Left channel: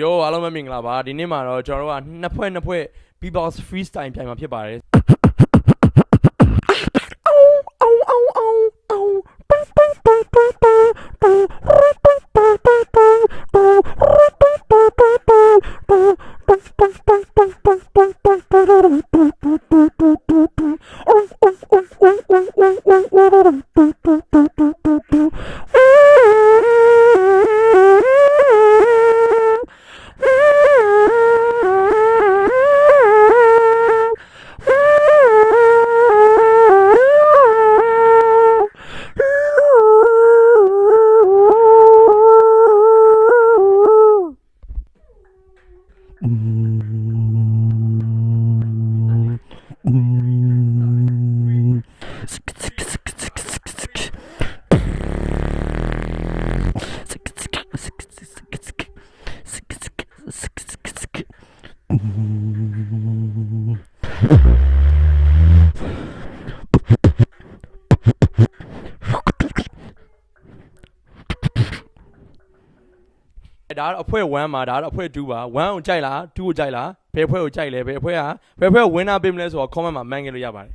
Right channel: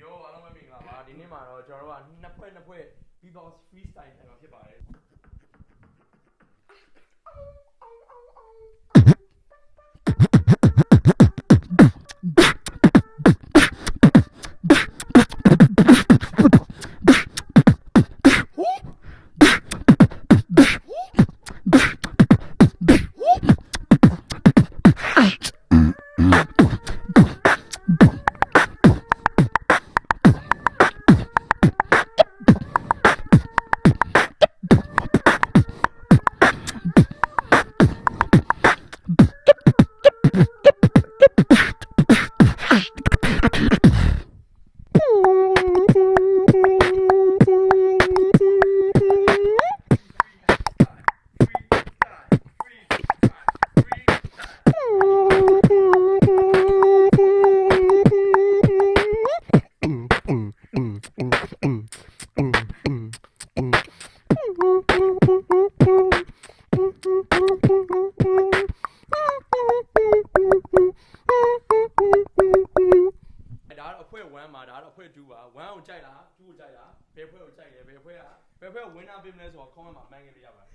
Yo အားလုံးပဲမင်္ဂလာပါဒီနေ့မှာတော့ကျွန်တော်တို့ကနှစ်ဖွဲ့ B-box freestyle ပြိုင်မှာဖြစ်ပါတယ်ဒါတော့အဖွဲ့1မှာဒါတော့အဖွဲ့2ပါ1ကိုကြိုက်လား2ကိုကြိုက်လားဘယ်အဖွဲ့ကိုကြိုက်လဲဘယ်အဖွဲ့က winner ပေးမလဲဆိုတော့ comment မှာမှန်းခဲ့လို့ရပါတယ်